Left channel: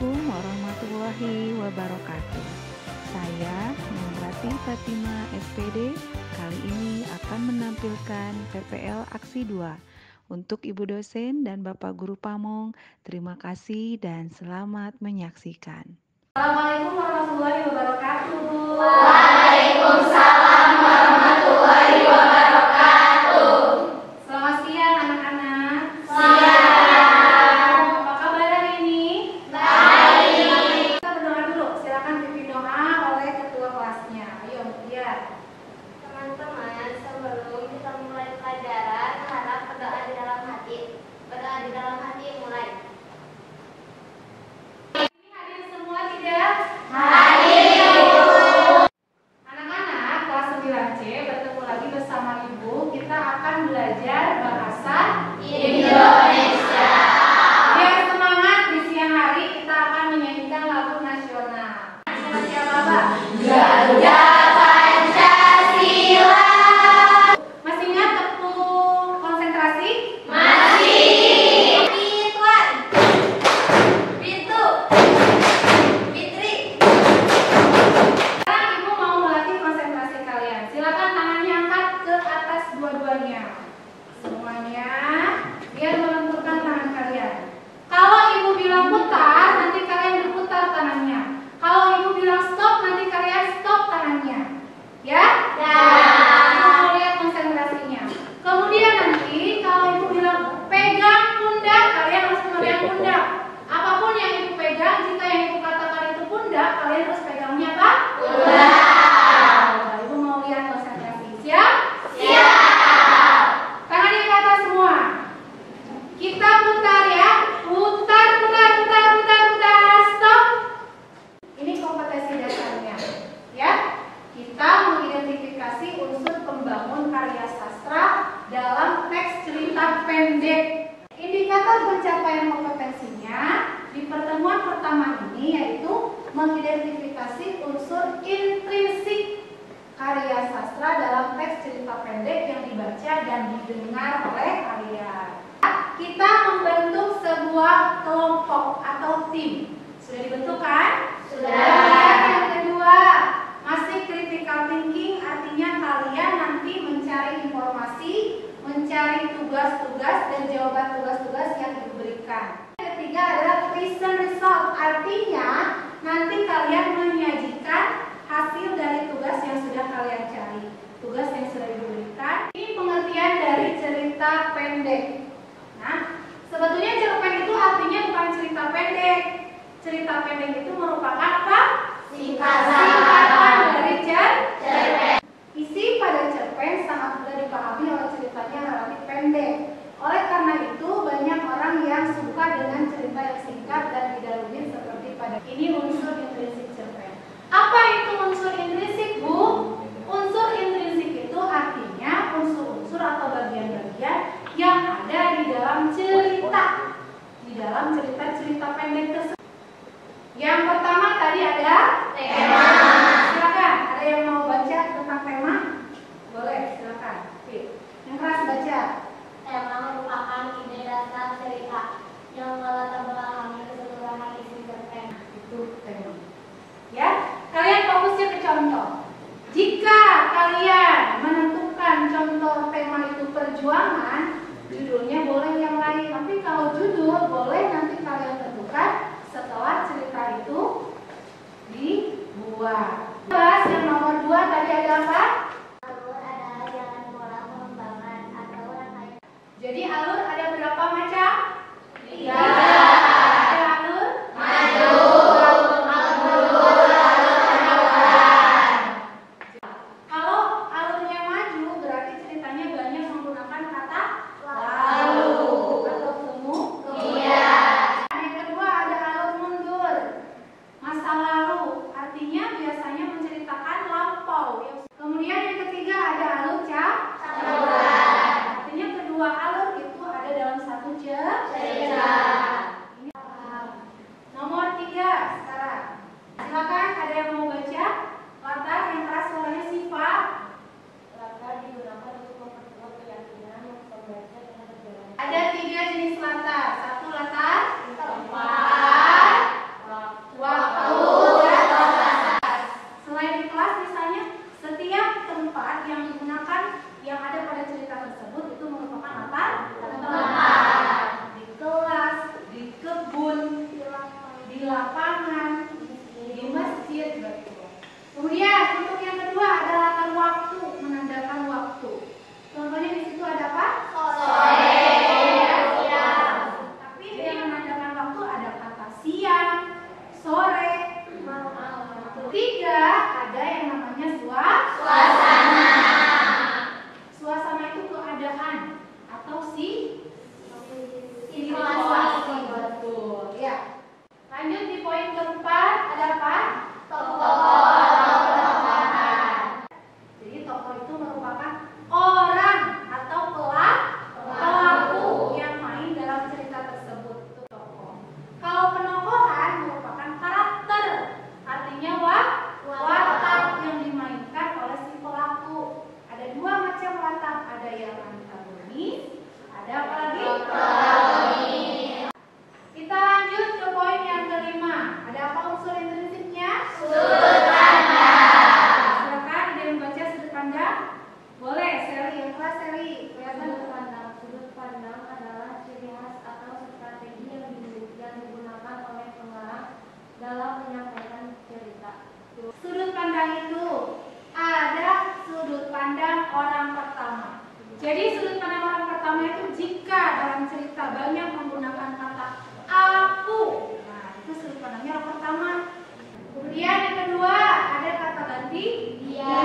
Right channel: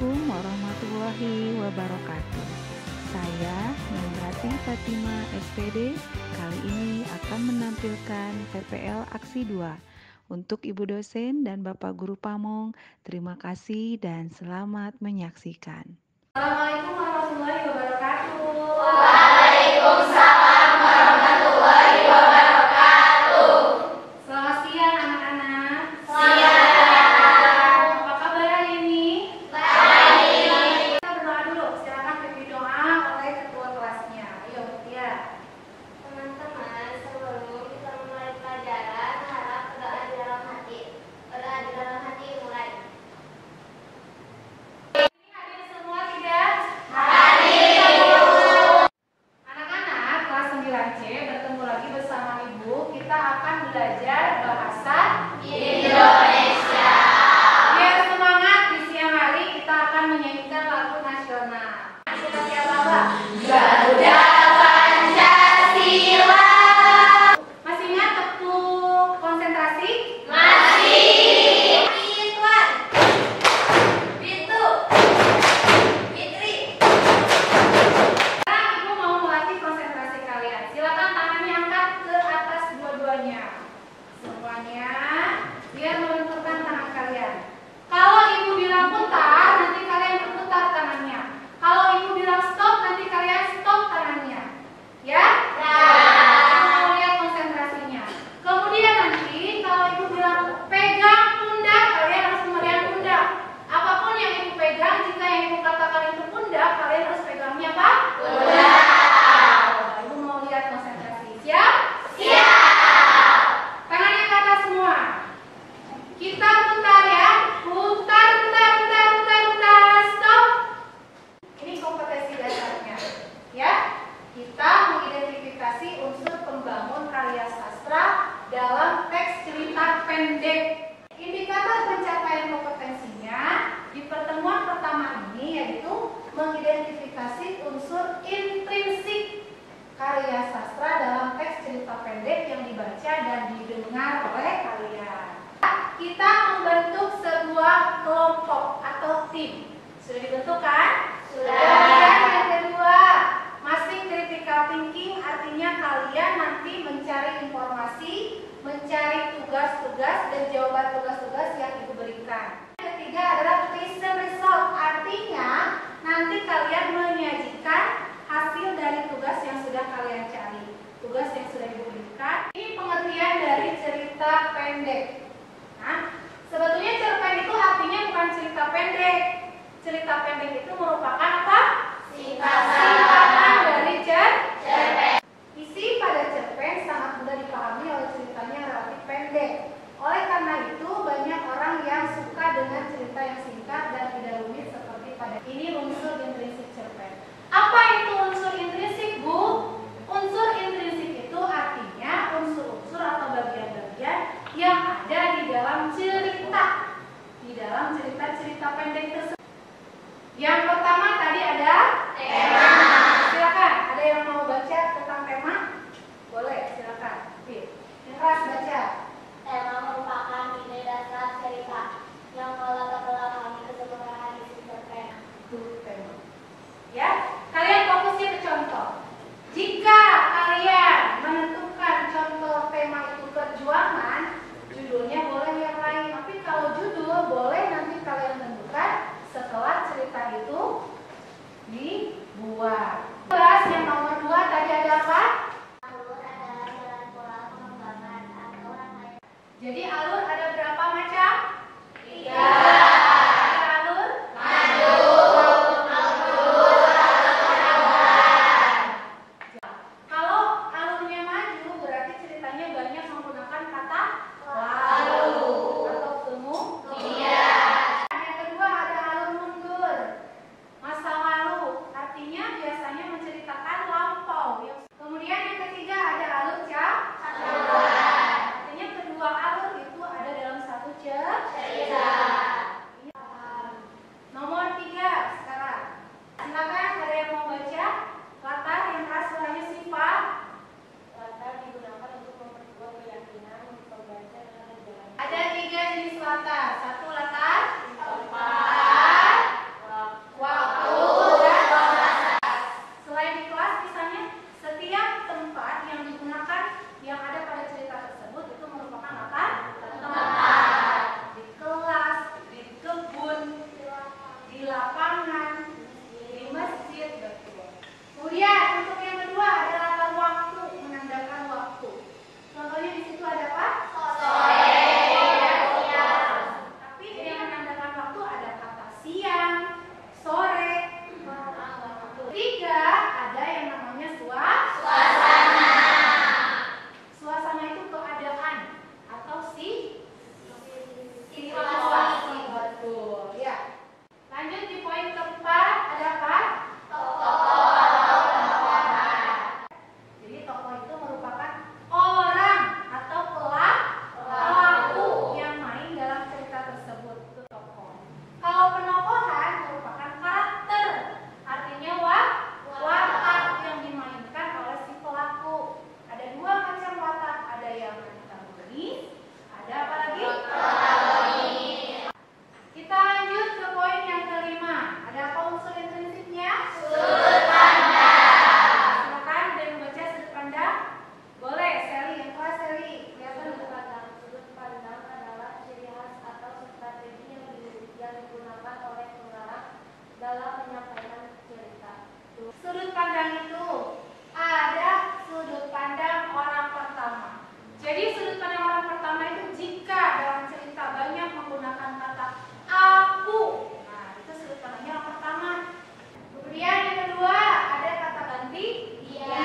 Assalamualaikum warahmatullahi wabarakatuh. Saya Nungrati Fatima SPD kali ini akan menampilkan PPL Aksi 2. Untuk Ibu dosen dan Bapak Guru Pamong, terima kasih dan selamat menyaksikan. Assalamualaikum warahmatullahi wabarakatuh. Waalaikumsalam warahmatullahi wabarakatuh. Selamat siang anak-anak. Siang. Apa kabar hari ini? Baik. Kita berdoa dulu. Silakan pimpin doa oleh ketua kelasnya. Ayo, Mutia. Teman-teman, sebelum kita mulai pelajaran, harap berdoa di dalam hati. Berdoa di dalam hati mulai. Ini hadir semua tidak? Hadir. Anak-anak kelas 9C bertemu lagi bersama Ibu. Kita akan belajar bahasa Indonesia. Biar semangat di siang hari kita akan menyanyikan lagu nasional. Siapa Bapak? Garuda Pancasila. Masih ingat tepuk konsentrasi? Masih. Ridwan. Bintu. Fitri. Sekarang Ibu mau melatih konsentrasi kalian. Silakan tangannya angkat ke atas dua-duanya. Semuanya biar menentukan tangan kalian. Kalau Ibu bilang putar, nanti kalian berputar tangannya. Kalau Ibu bilang stop, nanti kalian stop tangannya. Ya? Kita mau lihat konsentrasinya. Kemudian nanti kalau Ibu bilang pegang pundak, kalian harus memegang pundak. Apapun yang Ibu pegang, jika yang Ibu katakan itu pundak, kalian harus pegangnya apa? Pundak. Ibu mau lihat konsentrasi. Siap? Siap. Tangannya ke atas semua. Kita putar ya. Putar, putar, putar, putar, putar. Stop. Ini kompetensi dasarnya. Ya. Kita mengidentifikasi unsur pembangun karya sastra dalam teks cerita pendek. Indikator pencapaian kompetensinya di pertemuan pertama ini yaitu mengidentifikasi unsur intrinsik karya sastra dalam teks cerita pendek yang dibaca dan didengar oleh kalian. Kita membentuk sebuah kelompok atau tim. Sudah dibentuk kan? Sudah. Kemudian yang kedua, masih critical thinking, artinya kalian nanti mencari informasi, mencari tugas-tugas dan jawaban tugas-tugas yang Ibu berikan. Yang ketiga adalah present result, artinya nanti kalian menyajikan hasil dari tugas yang sudah kalian cari, tugas yang sudah Ibu berikan. Ini pengertian dari cerita pendek. Nah, sebetulnya cerpen itu artinya bukan cerita pendek. Cerita pendek itu merupakan apa? Singkatan dari cerpen. Isi pada cerpen sangat mudah dipahami oleh ceritanya relatif pendek. Oleh karena itu banyak orang yang suka dengan cerita yang singkat dan tidak rumit seperti pada ini unsur intrinsik cerpen. Apa itu unsur intrinsik, Bu? Unsur intrinsik itu artinya unsur-unsur atau bagian-bagian yang ada di dalam cerita. Di dalam cerita-cerita pendek tersebut. Yang pertama tadi ada Tema. Silakan, ada yang mau baca tentang tema? Boleh, silakan. Fit. Yang keras baca. Tema merupakan ide dasar cerita yang melatar belakangi keseluruhan isi cerpen. Itu tema. Ya, kalian fokusnya ke contoh. Jika kalian menentukan contoh tema itu perjuangan, judulnya boleh yang lain. Tapi kalau judul boleh nanti kalian tentukan setelah cerita itu dibuat. Kelas yang nomor 2 tadi ada apa? Alur adalah jalan pola pengembangan atau rangkaian. Jadi alur ada berapa macam? 3. Ada alur? Maju. Kalau alurnya maju berarti ceritanya banyak menggunakan kata lalu atau kemudian. Yang kedua ada alur mundur, masa lalu, artinya biasanya menceritakan lampau. Kemudian yang ketiga ada alur campuran, artinya kedua alur itu ada dalam satu cerita. Nomor 3 sekarang. Silakan ada yang mau baca? Latar yang keras suaranya sifat. Latar digunakan untuk memperkuat keyakinan pembaca dengan berjalan. Ada 3 jenis latar. Satu latar Tempat. dalam menyampaikan cerita. Sudut pandang itu ada sudut pandang orang pertama. Jadi sudut pandang orang pertama itu jika dalam cerita banyak menggunakan kata aku, nah itu sudut pandangnya orang pertama. Kemudian yang kedua ada kata ganti dia.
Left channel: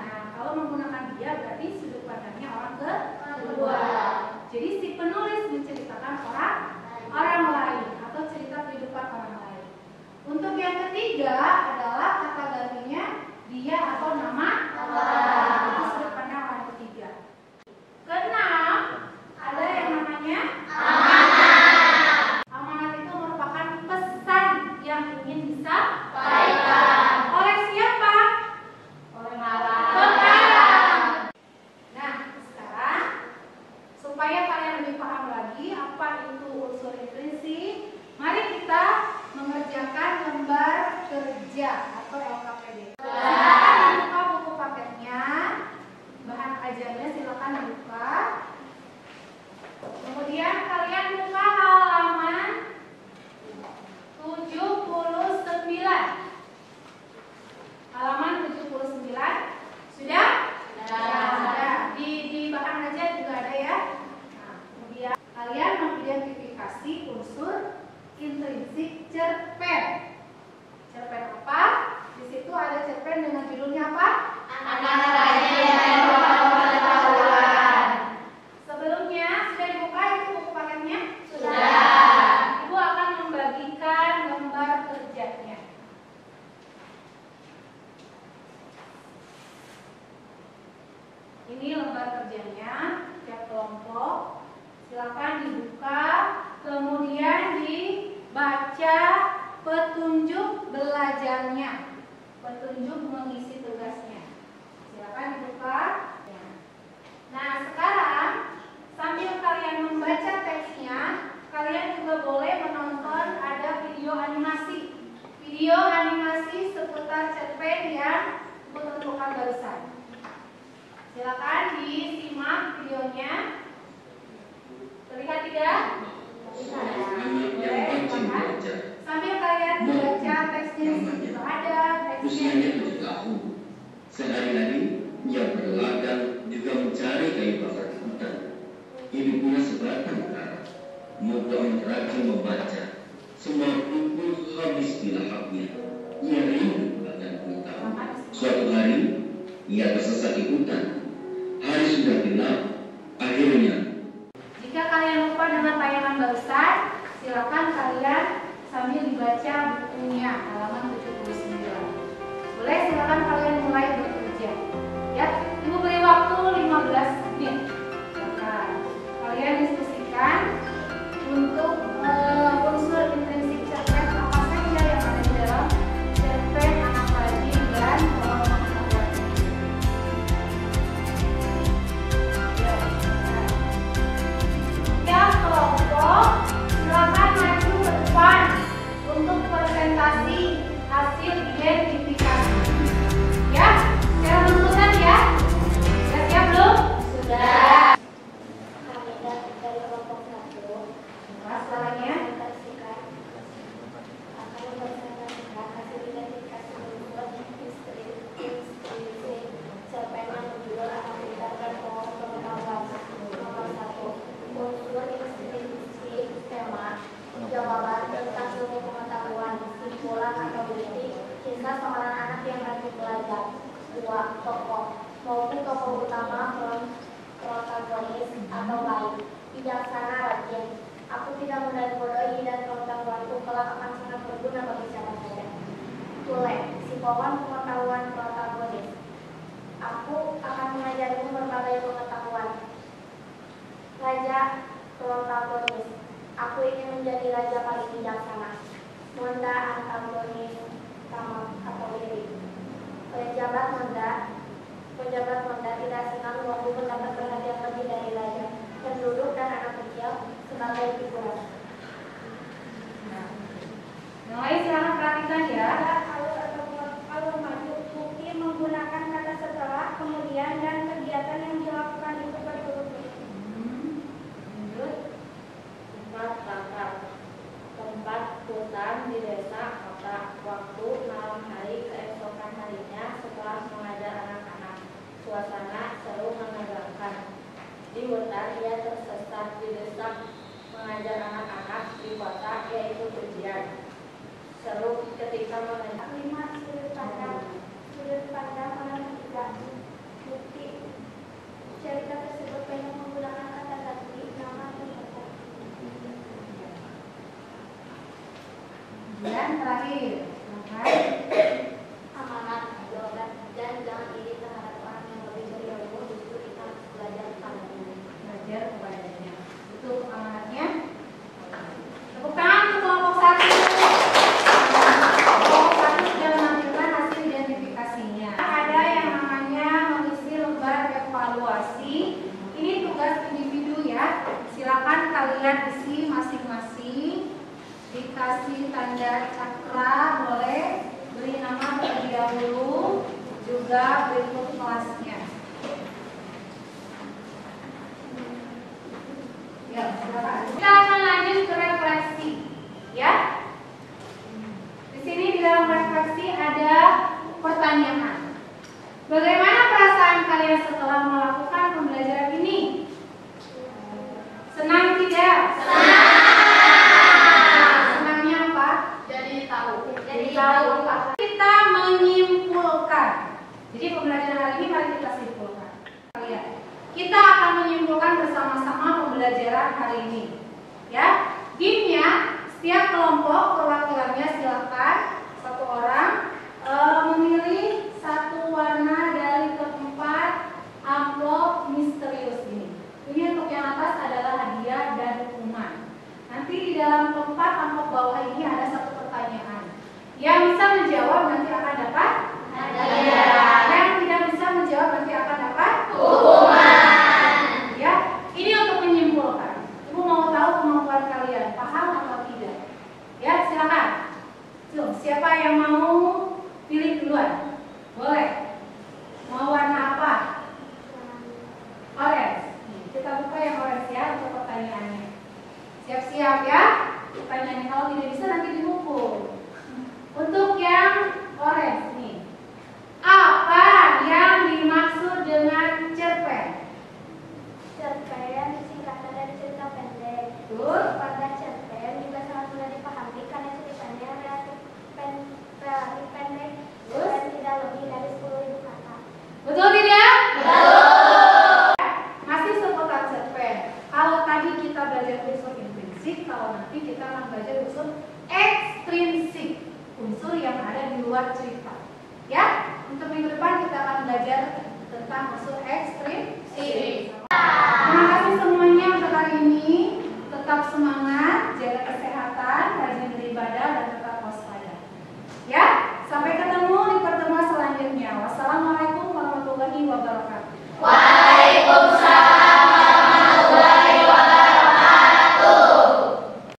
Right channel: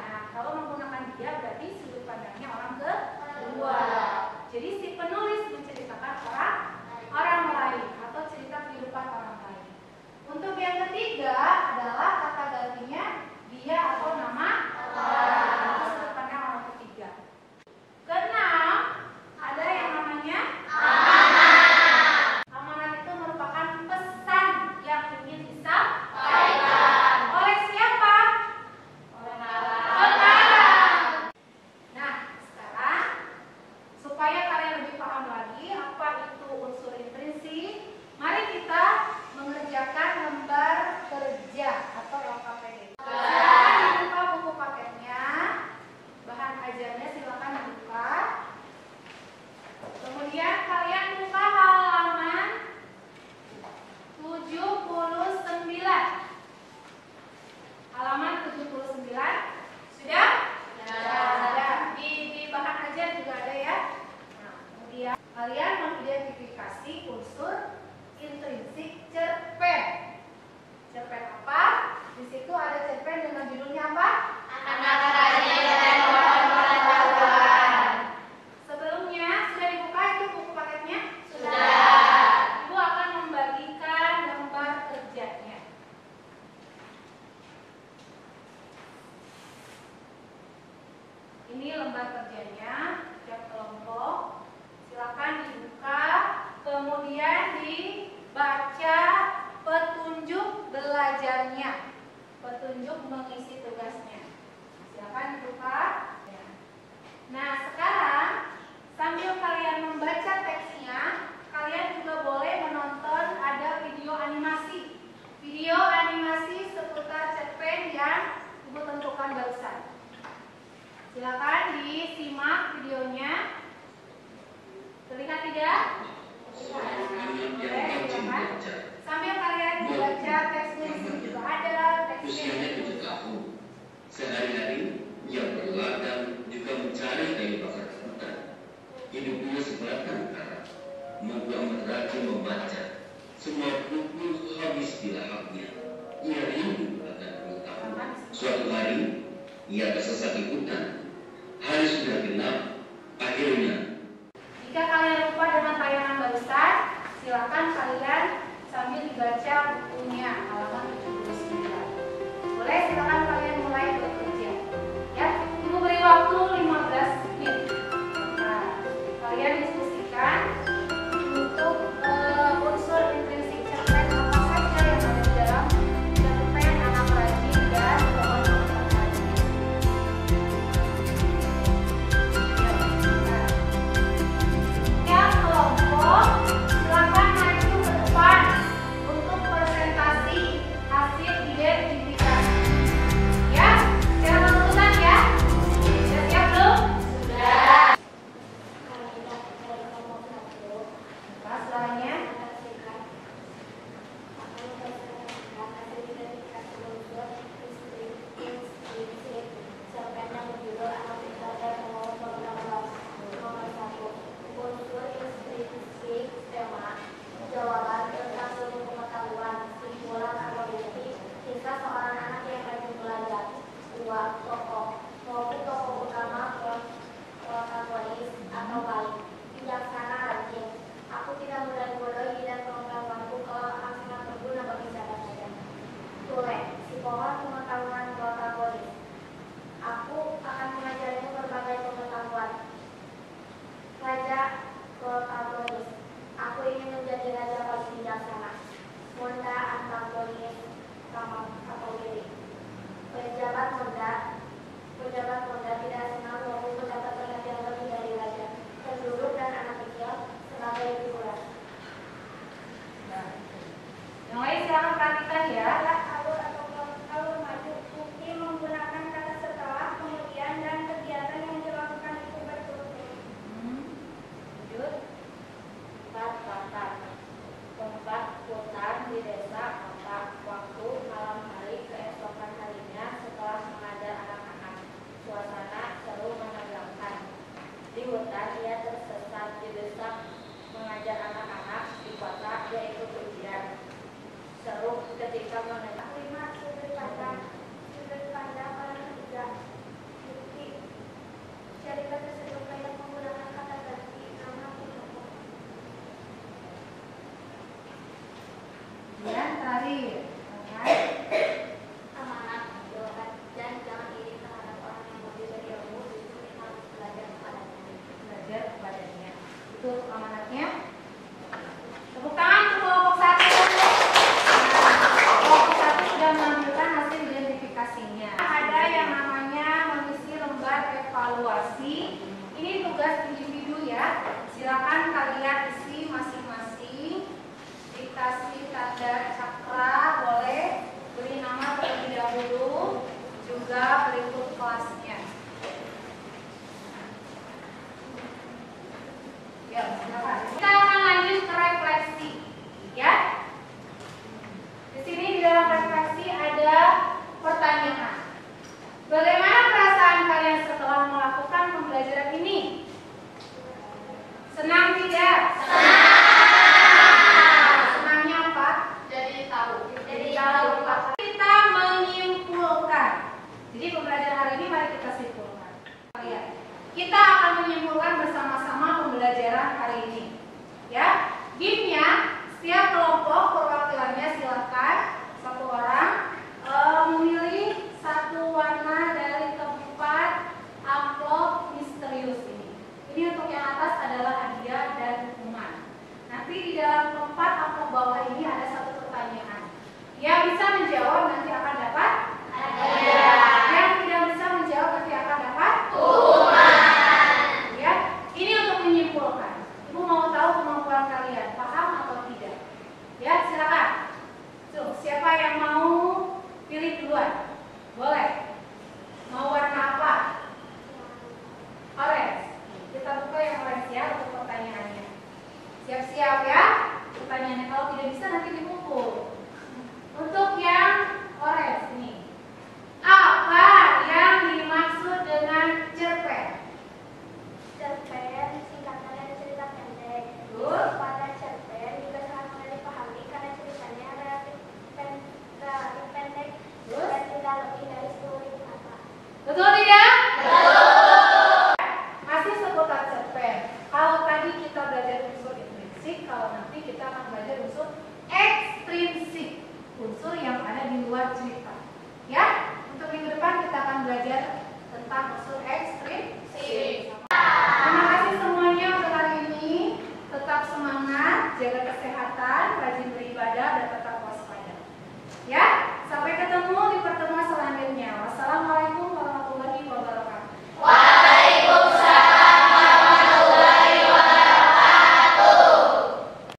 Nah kalau menggunakan dia berarti sudut pandangnya orang kedua. Jadi si penulis menceritakan orang lain atau cerita kehidupan orang lain. Untuk yang ketiga adalah kata gantinya dia atau nama orang. Itu sudut pandang orang ketiga. Keenam ada yang namanya amanat. Amanat itu merupakan pesan yang ingin disampaikan oleh siapa? Oleh pengarang. Nah sekarang supaya kalian lebih paham lagi apa itu unsur intrinsik, mari kita mengerjakan lembar kerja atau LKPD. Silakan dibuka buku paketnya, bahan ajarnya silakan dibuka. Kemudian kalian buka halaman 79. Halaman 79 sudah? Sudah. Di bahan ajar juga ada ya. Nah, kemudian kalian mengidentifikasi unsur intrinsik cerpen. Cerpen apa? Di situ ada cerpen dengan judulnya apa? Anak rajin dan pengetahuan. Sebelumnya sudah dibuka itu buku paketnya? Sudah. Ibu akan membagikan lembar kerjanya. Ini lembar kerjanya, tiap kelompok. Silakan dibuka, kemudian dibaca petunjuk belajarnya, petunjuk mengisi tugasnya. Silakan dibuka. Nah, sekarang sambil kalian membaca teksnya, kalian juga boleh menonton ada video animasi. Video animasi seputar cerpen yang Ibu tentukan barusan. Silakan disimak videonya. Terlihat tidak? Boleh, silakan. Sambil kalian membaca teksnya juga ada teksnya. Usianya 7 tahun. Sehari-hari ia berladang juga mencari kayu bakar di hutan. Ibunya sebatang kara. Moga rajin membaca. Semua buku habis dilahapnya. Ia rindu akan pengetahuan. Suatu hari ia tersesat di hutan. Hari sudah gelap. Akhirnya jika kalian lupa dengan tayangan barusan, silakan kalian sambil dibaca bukunya halaman 79. Boleh, silakan kalian mulai bekerja. Ya, Ibu beri waktu 15 menit. Nah, kalian diskusikan untuk unsur intrinsik cerpen apa saja yang ada di dalam cerpen Anak Rajin dan Pohon Pengetahuan. Ya, kelompok silakan maju ke depan untuk presentasi hasil identifikasi. Ya, secara berurutan ya. Sudah siap belum? Sudah. Kami dari Kemudian terakhir, silakan. Amanat, jawab, dan jangan iri terhadap orang yang lebih berilmu. Justru kita harus belajar kepadanya. Belajar kepadanya. Itu untuk amanatnya. Tepuk tangan untuk kelompok 1. Kelompok 1 sudah menampilkan hasil identifikasinya. Ada yang namanya mengisi lembar evaluasi. Ini tugas individu ya. Silakan kalian isi masing-masing. Dikasih tanda cakra boleh. Beri nama terlebih dahulu. Juga berikut kelasnya. Ya, silakan. Kita akan lanjut ke refleksi, ya. Di sini di dalam refleksi ada pertanyaan. Bagaimana perasaan kalian setelah melakukan pembelajaran ini? Senang tidak? Senangnya apa? Jadi tahu. Jadi tahu apa? Kita menyimpulkan. Jadi pembelajaran hari ini mari kita simpulkan. Lihat. Kita akan menyimpulkan bersama-sama pembelajaran hari ini. Ya, gamenya setiap kelompok perwakilannya silakan satu orang memilih satu warna dari keempat amplop misterius ini. Ini untuk yang atas adalah hadiah dan hukuman. Nanti di dalam keempat amplop bawah ini ada satu pertanyaan. Yang bisa menjawab nanti akan dapat hadiah. Yang tidak bisa menjawab nanti akan dapat hukuman. Ya, ini untuk menyimpulkan. Ibu mau tahu kemampuan kalian, paham atau tidak? Ya, silakan. Tuh, siapa yang mau pilih duluan? Boleh. Mau warna apa? Orange. Kita buka yang orange ya untuk pertanyaannya. Siap-siap ya. Pertanyaannya kalau tidak bisa nanti dipukul. Untuk yang orange nih. Apa yang dimaksud dengan cerpen? Cerpen singkatan dari cerita pendek. Terus? Pada cerpen juga sangat mudah dipahami karena ceritanya relatif pendek Terus? dan tidak lebih dari 10.000 kata. Betul tidak? Betul. Masih seputar cerpen. Kalau tadi kita belajar unsur intrinsik, kalau nanti kita akan belajar unsur ekstrinsik, unsur yang ada di luar cerita. Ya, untuk minggu depan kita akan belajar tentang unsur ekstrinsik. Terima kasih semuanya untuk hari ini. Tetap semangat, jaga kesehatan, rajin beribadah, dan tetap